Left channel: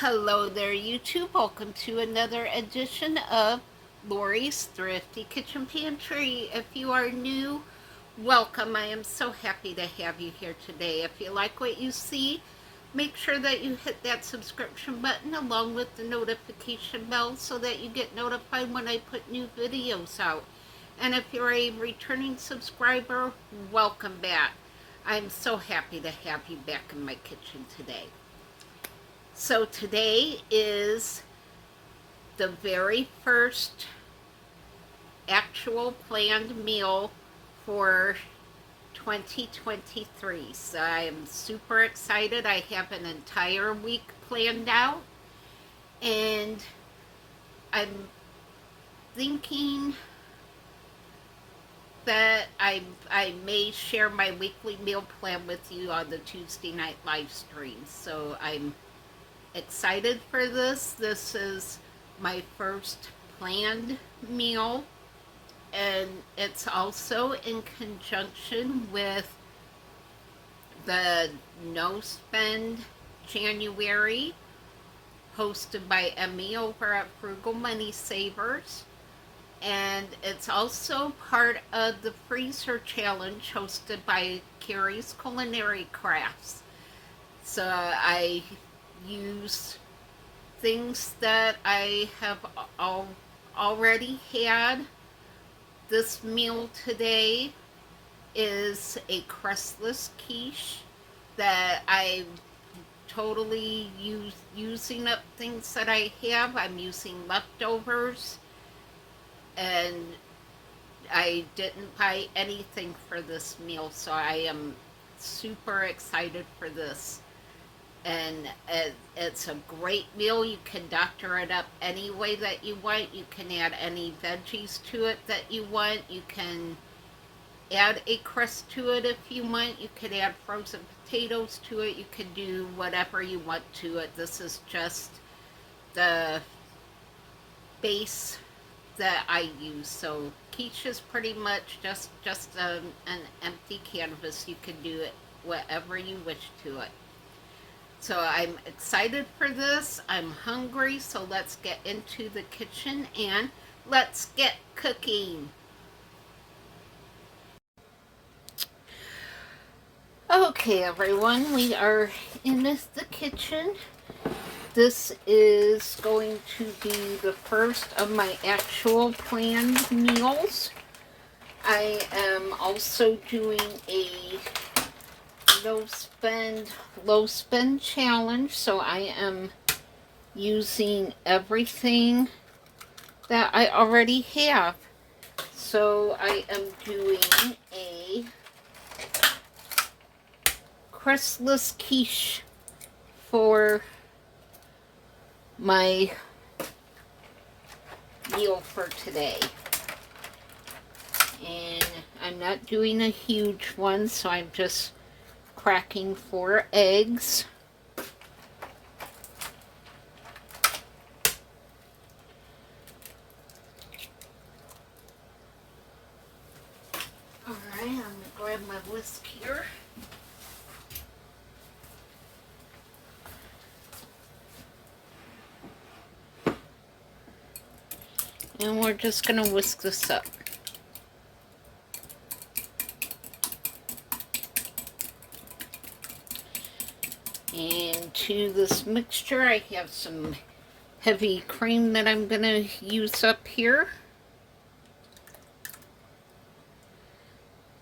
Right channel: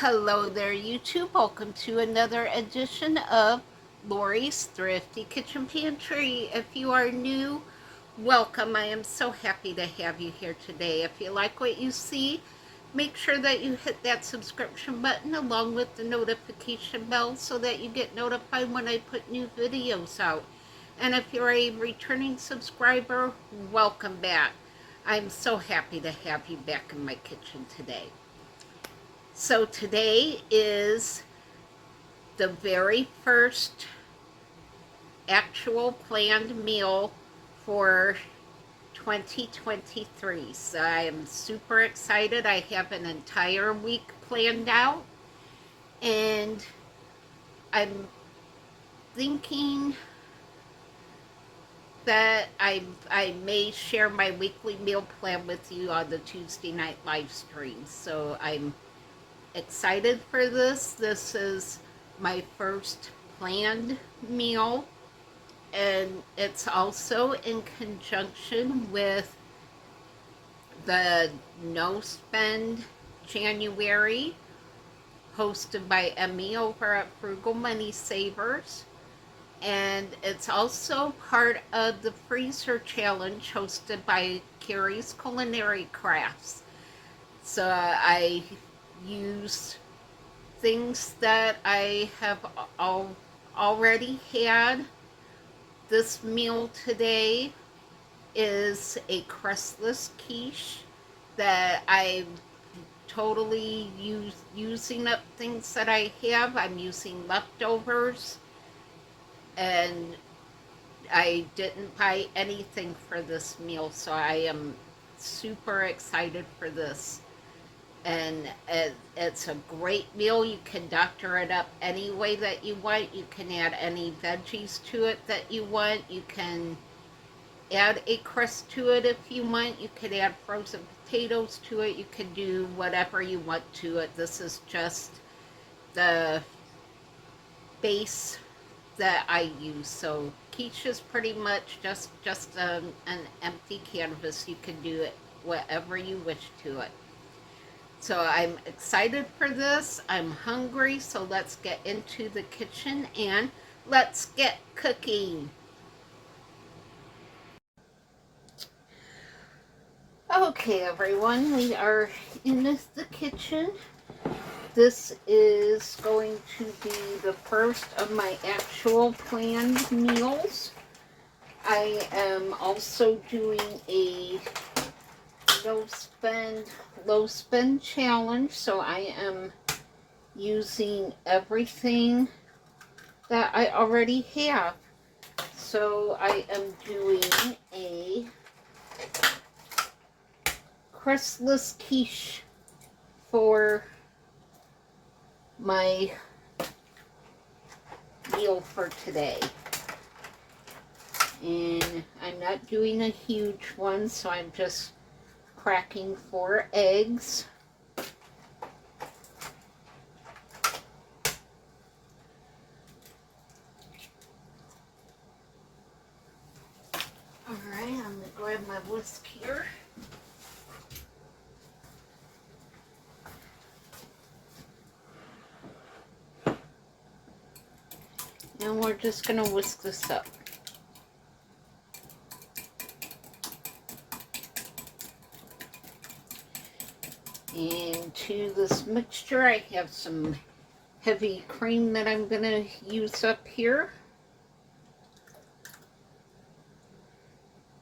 Hello there, YouTube. Welcome to another edition of Lori's Thrifty Kitchen Pantry. If you are new, welcome. I am so happy to have you here today. If you like what you see, make sure that you hit that subscription button along with the notification bell so that you get notified when I put new videos out. And if you're a returning subscriber, welcome back. I'm so happy to have you back in my kitchen today. So today is the very first actual planned meal for 2023. So I am super excited. I have an entire week planned out, and I'm thinking that I may share my weekly meal plan with you on the Tuesday night live stream. So I'm excited for this. This is my first planned meal, and it's also in conjunction with the No Spend January hosted by Emmy over at Frugal Money Savers, and it's also part of the freezer challenge hosted by Carrie's Culinary Crafts. So I use things that I have already had. This meal today is a crustless quiche that I'm totally using up things that I have. I'm using leftovers, and I didn't buy anything for this meal, so I am super excited for this. And it's a great meal. You can doctor it up any way that you want. You can add any veggies to it that you want. You can add a crust to it if you want. You can add frozen potatoes to it. You can do whatever you want to it. This is just the base that I use. So quiche is pretty much just an empty canvas. You can do it whatever you wish to it. So I'm excited for this. I'm hungry, so let's get into the kitchen and let's get cooking. Okay, everyone, we are in the kitchen. This is going to be the first of my actual planned meals. I am also doing a low spend challenge, so I am using everything that I already have. So I am doing a crustless quiche for my meal for today. And I'm not doing a huge one, so I'm just cracking 4 eggs. Alright, I'm going to grab my whisk here. And we're just going to whisk this up. And to this mixture, I have some heavy cream that I'm going to use up here.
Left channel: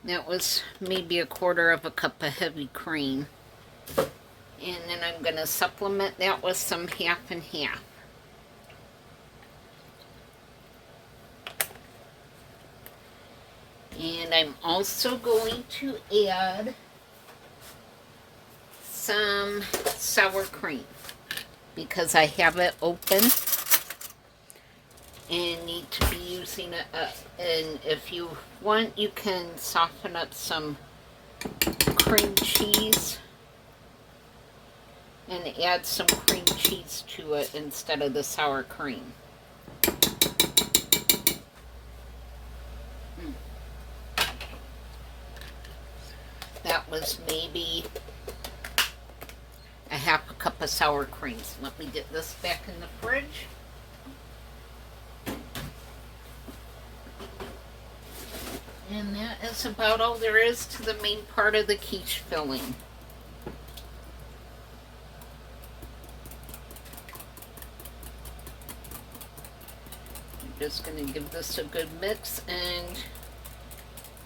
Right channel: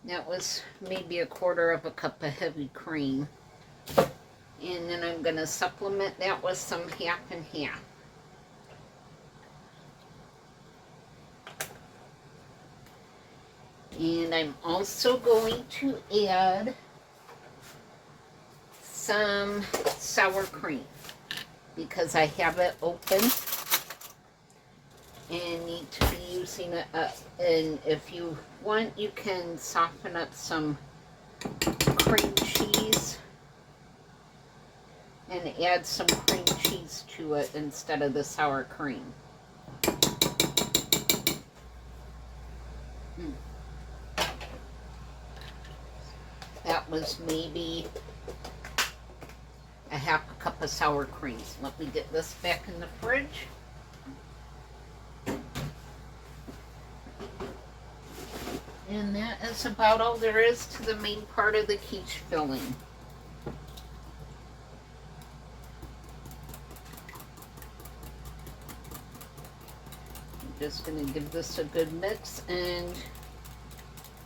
That was maybe 1/4 cup of heavy cream. And then I'm going to supplement that with some half and half. And I'm also going to add some sour cream because I have it open and need to be using it up. And if you want, you can soften up some cream cheese and add some cream cheese to it instead of the sour cream. That was maybe half a cup of sour cream. So let me get this back in the fridge. And that is about all there is to the main part of the quiche filling. I'm just going to give this a good mix and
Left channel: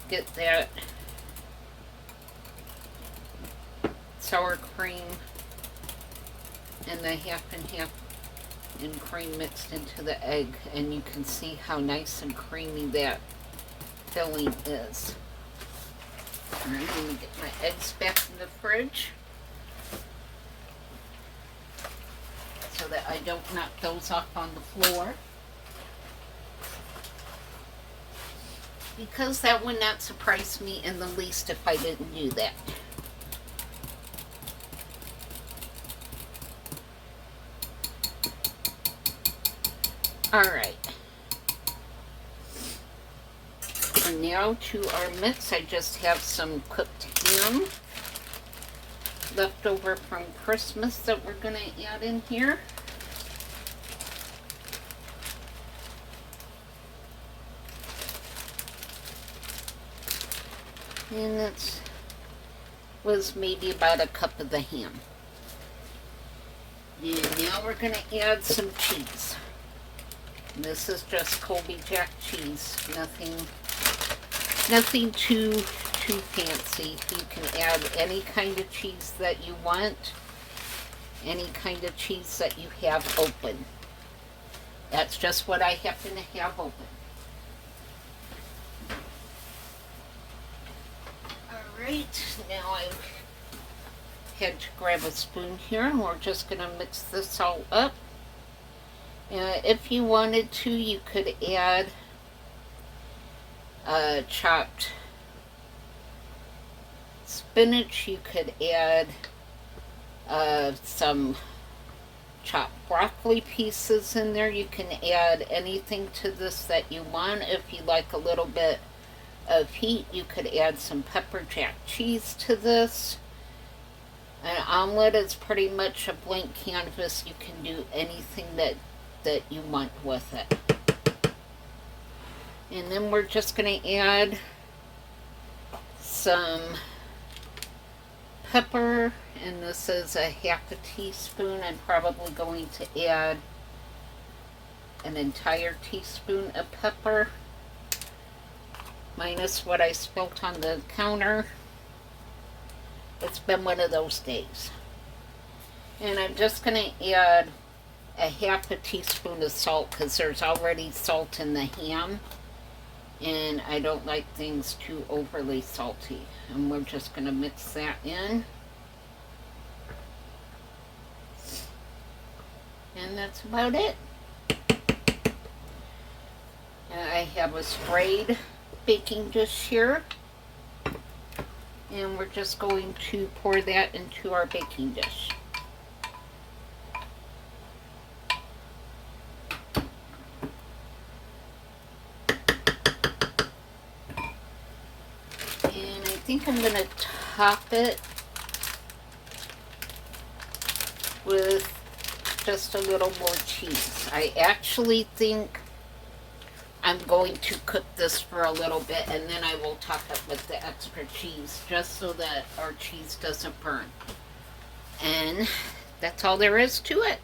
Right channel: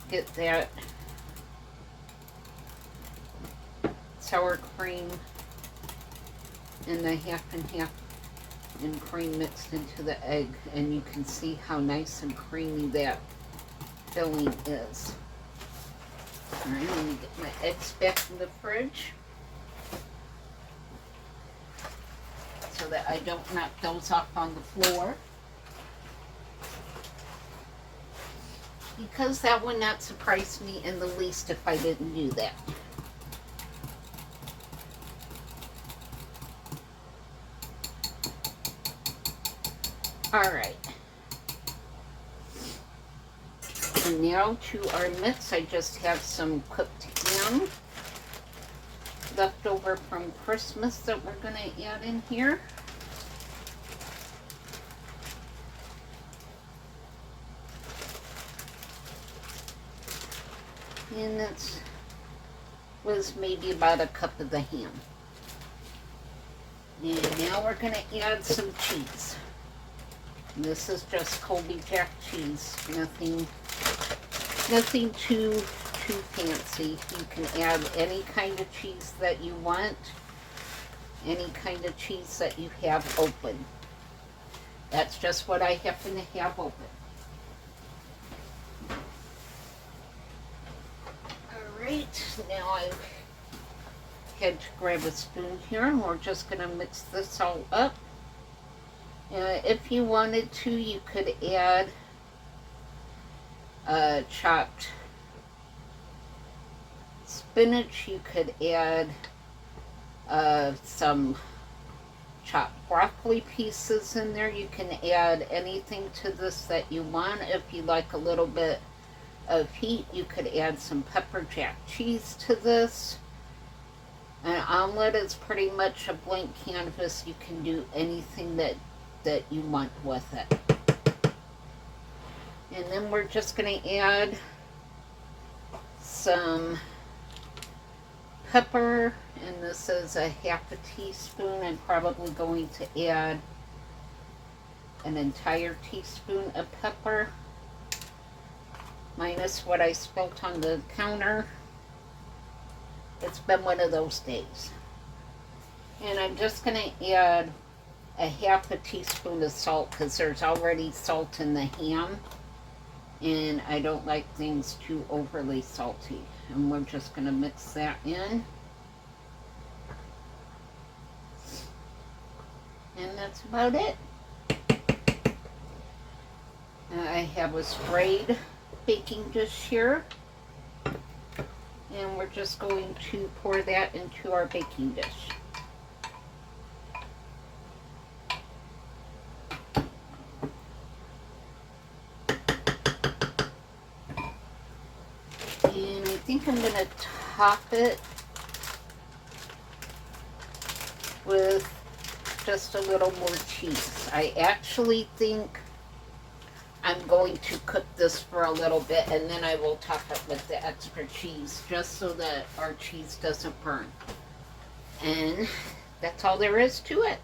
get that sour cream and the half and half and cream mixed into the egg, and you can see how nice and creamy that filling is. And I'm going to get my eggs back in the fridge so that I don't knock those off on the floor, because that would not surprise me in the least if I didn't do that. Alright. And now to our mix, I just have some cooked ham left over from Christmas that we're going to add in here. And that was maybe about a cup of the ham. And now we're going to add some cheese. And this is just Colby Jack cheese, nothing too fancy. You can add any kind of cheese that you want, any kind of cheese that you have open. That's just what I happen to have open. Alright, now I've had to grab a spoon here, and we're just going to mix this all up. If you wanted to, you could add chopped spinach. You could add some chopped broccoli pieces in there. You can add anything to this that you want. If you like a little bit of heat, you could add some pepper jack cheese to this. An omelet is pretty much a blank canvas. You can do anything that you want with it. And then we're just going to add some pepper, and this is a half a teaspoon. I'm probably going to add an entire teaspoon of pepper, minus what I spilled on the counter. It's been one of those days. And I'm just going to add a half a teaspoon of salt, because there's already salt in the ham, and I don't like things too overly salty. And we're just going to mix that in. And that's about it. And I have a sprayed baking dish here, and we're just going to pour that into our baking dish. And I think I'm going to top it with just a little more cheese. I actually think I'm going to cook this for a little bit, and then I will top it with the extra cheese, just so that our cheese doesn't burn. And that's all there is to it.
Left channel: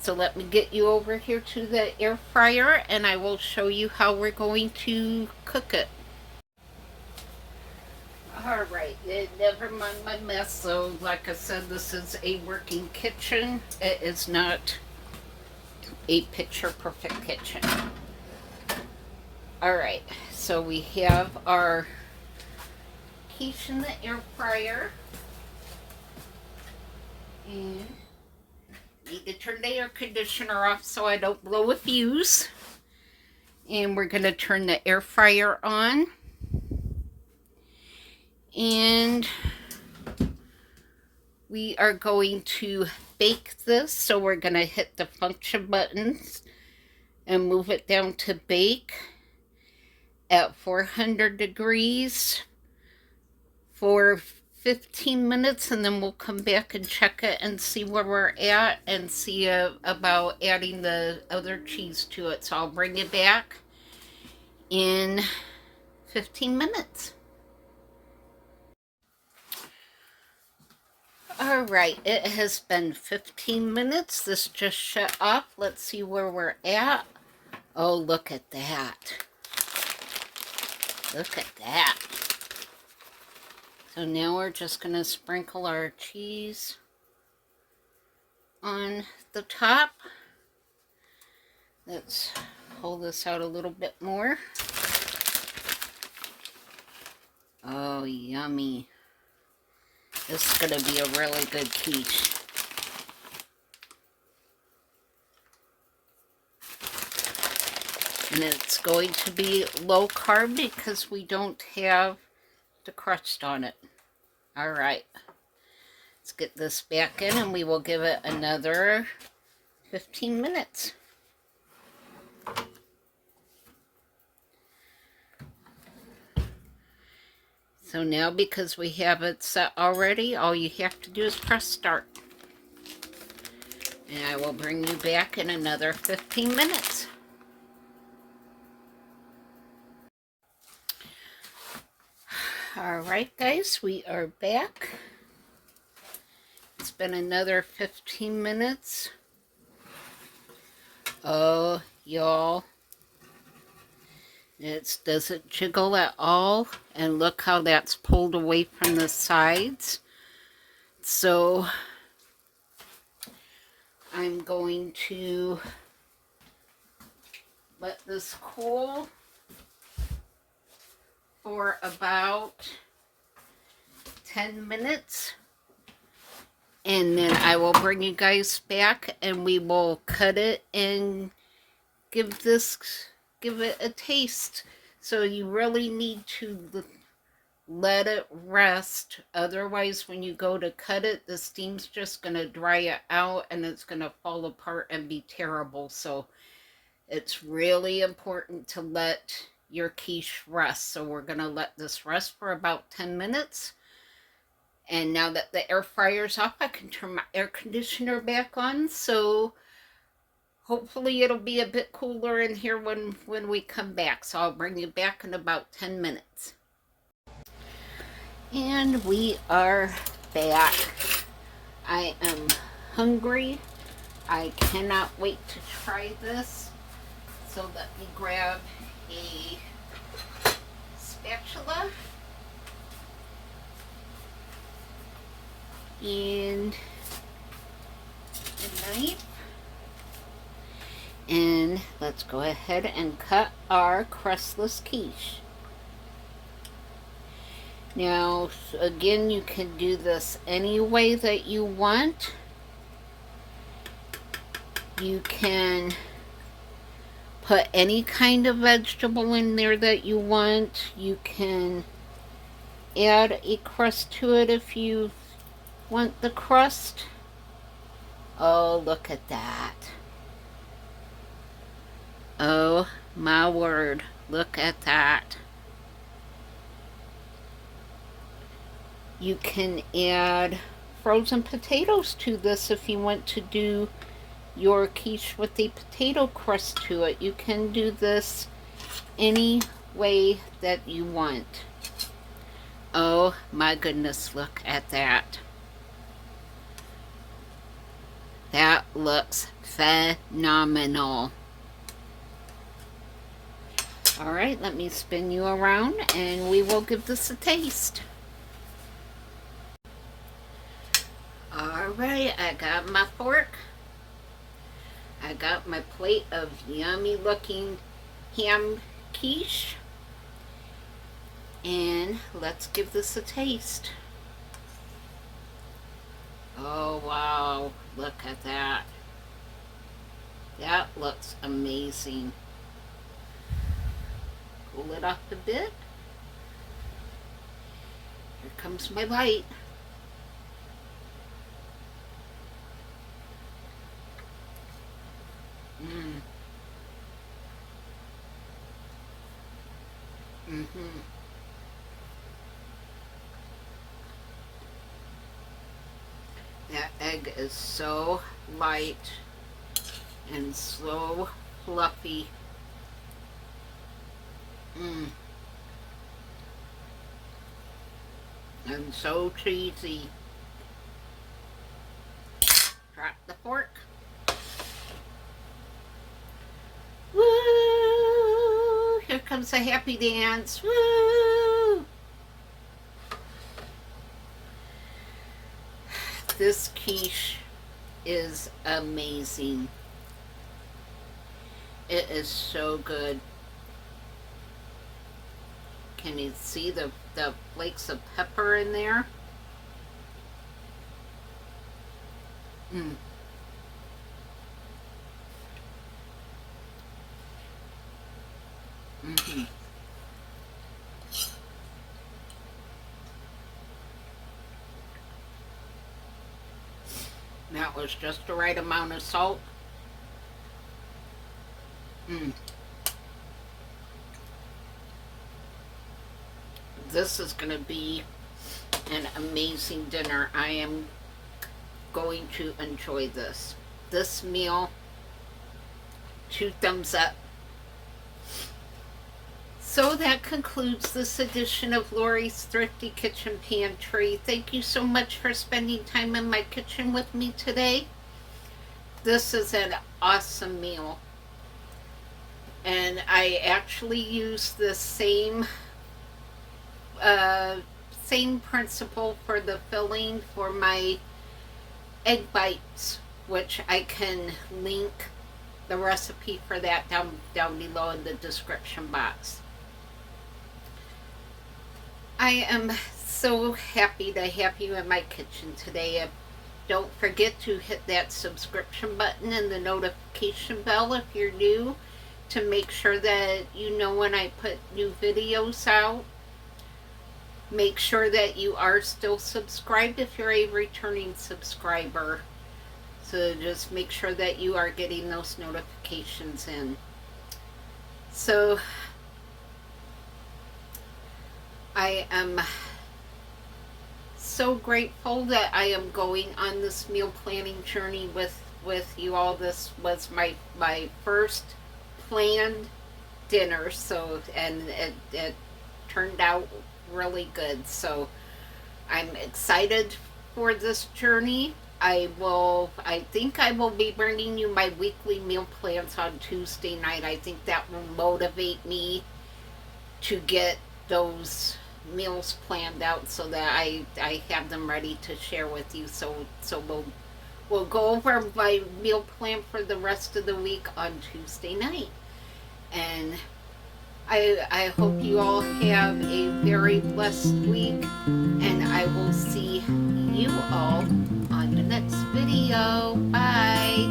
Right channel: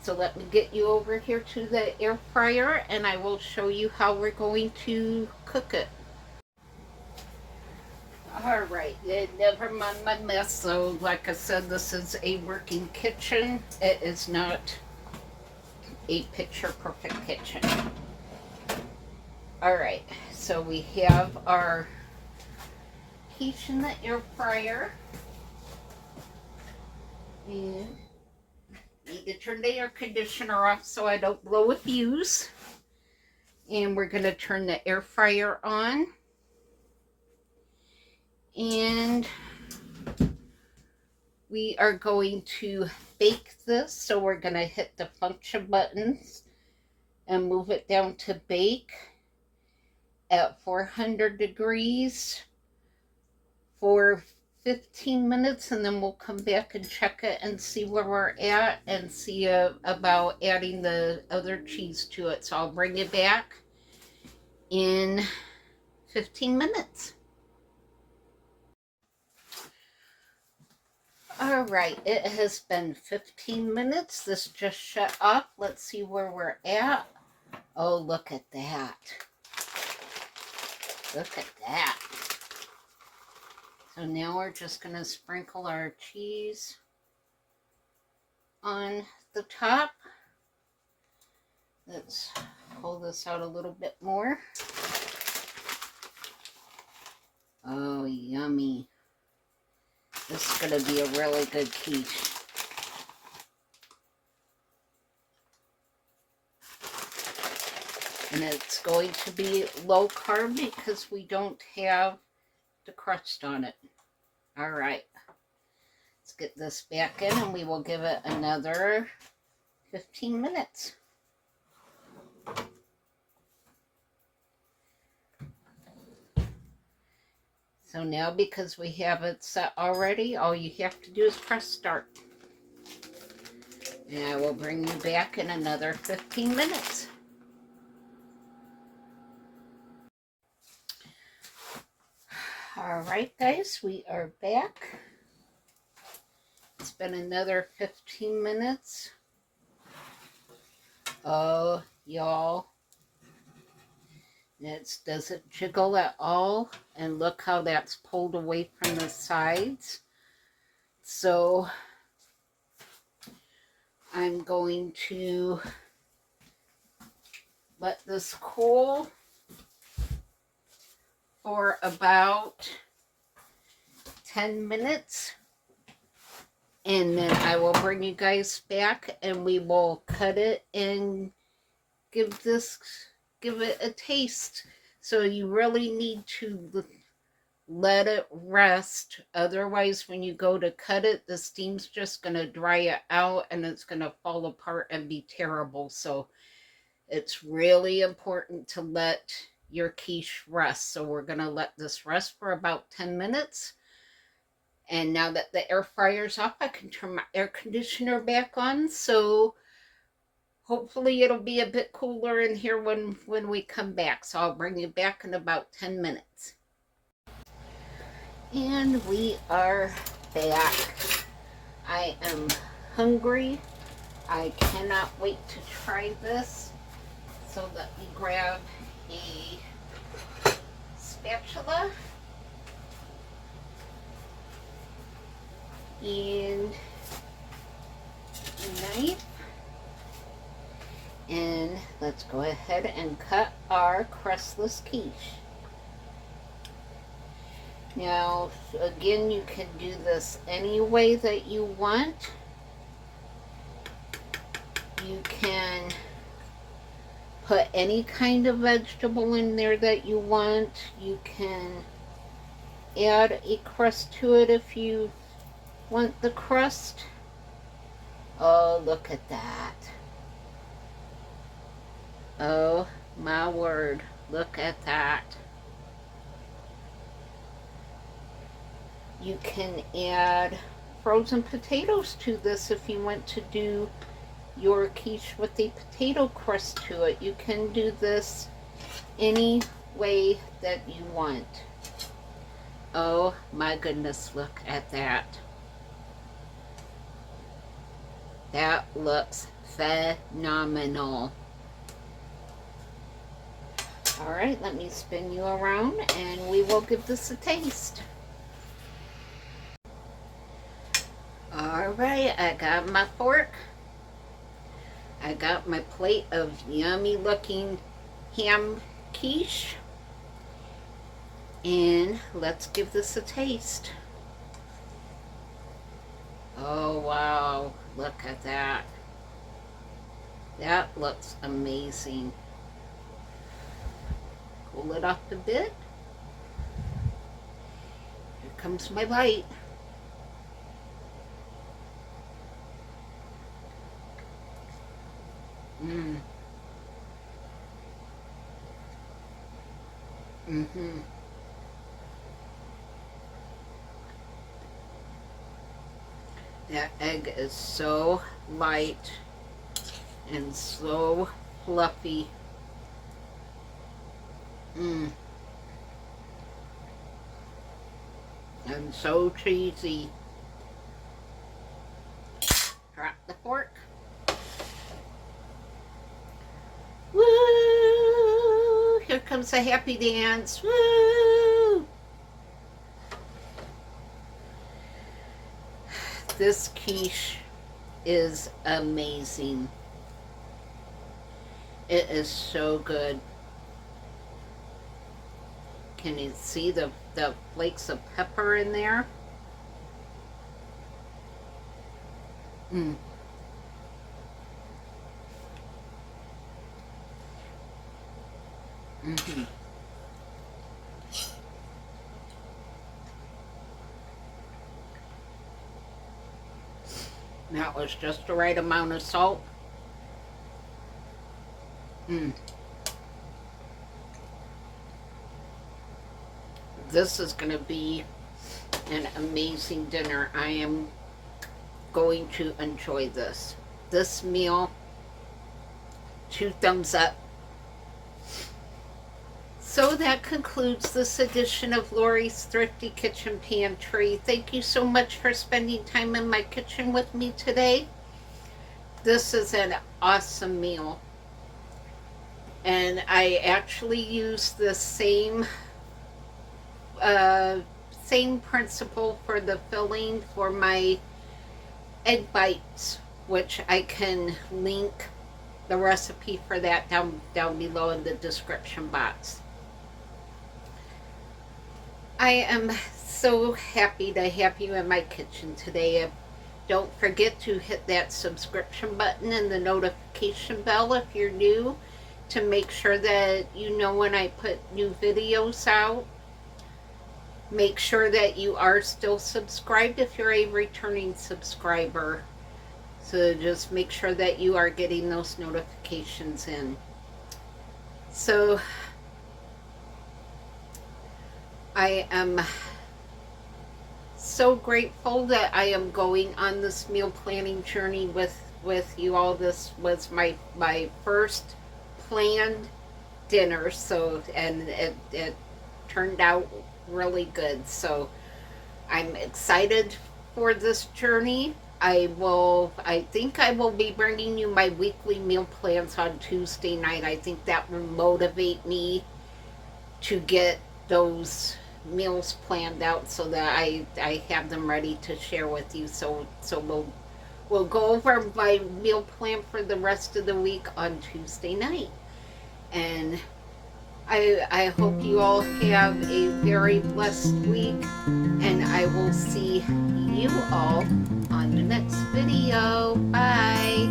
So let me get you over here to the air fryer, and I will show you how we're going to cook it. Alright, never mind my mess. So like I said, this is a working kitchen. It is not a picture perfect kitchen. Alright, so we have our quiche in the air fryer. And need to turn the air conditioner off so I don't blow a fuse. And we're going to turn the air fryer on. And we are going to bake this. So we're going to hit the function buttons and move it down to bake at 400 degrees for 15 minutes, and then we'll come back and check it and see where we're at and see about adding the other cheese to it. So I'll bring it back in 15 minutes. All right, it has been 15 minutes. This just shut off. Let's see where we're at. Oh, look at that. Look at that. So now we're just going to sprinkle our cheese on the top. Let's pull this out a little bit more. Oh, yummy. This is going to be a really good quiche. And it's going to be low carb because we don't have the crust on it. All right. Let's get this back in and we will give it another 15 minutes. So now, because we have it set already, all you have to do is press start. And I will bring you back in another 15 minutes. All right, guys, we are back. It's been another 15 minutes. Oh, y'all. It doesn't jiggle at all. And look how that's pulled away from the sides. So I'm going to let this cool for about 10 minutes. And then I will bring you guys back and we will cut it and give it a taste. So you really need to let it rest. Otherwise, when you go to cut it, the steam's just going to dry it out and it's going to fall apart and be terrible. So it's really important to let your quiche rest. So we're going to let this rest for about 10 minutes. And now that the air fryer's off, I can turn my air conditioner back on. So hopefully it'll be a bit cooler in here when we come back. So I'll bring you back in about 10 minutes. And we are back. I am hungry. I cannot wait to try this. So let me grab a spatula and a knife. And let's go ahead and cut our crustless quiche. Now, again, you can do this any way that you want. You can put any kind of vegetable in there that you want. You can add a crust to it if you want the crust. Oh, look at that. Oh my word, look at that. You can add frozen potatoes to this if you want to do your quiche with a potato crust to it. You can do this any way that you want. Oh my goodness, look at that. That looks phenomenal. All right, let me spin you around and we will give this a taste. All right, I got my fork. I got my plate of yummy looking ham quiche. And let's give this a taste. Oh wow, look at that. That looks amazing. Cool it off a bit. Here comes my bite. That egg is so light and so fluffy. Mmm. And so cheesy. Drop the fork. Woo! Here comes a happy dance. Woo! This quiche is amazing. It is so good. Can you see the flakes of pepper in there? Mm. Mm-hmm. That was just the right amount of salt. Mm. This is going to be an amazing dinner. I am going to enjoy this. This meal, 2 thumbs up. So that concludes this edition of Lori's Thrifty Kitchen Pantry. Thank you so much for spending time in my kitchen with me today. This is an awesome meal. And I actually use the same principle for the filling for my egg bites, which I can link the recipe for that down below in the description box. I am so happy to have you in my kitchen today. Don't forget to hit that subscription button and the notification bell if you're new, to make sure that you know when I put new videos out. Make sure that you are still subscribed if you're a returning subscriber. So just make sure that you are getting those notifications in. So I am so grateful that I am going on this meal planning journey with you all. This was my first planned dinner, so, and it turned out really good. So I'm excited for this journey. I think I will be bringing you my weekly meal plans on Tuesday night. I think that will motivate me to get those meals planned out so that I have them ready to share with you. So we'll go over my meal plan for the rest of the week on Tuesday night. And I hope you all have a very blessed week, and I will see you all on the next video. Bye.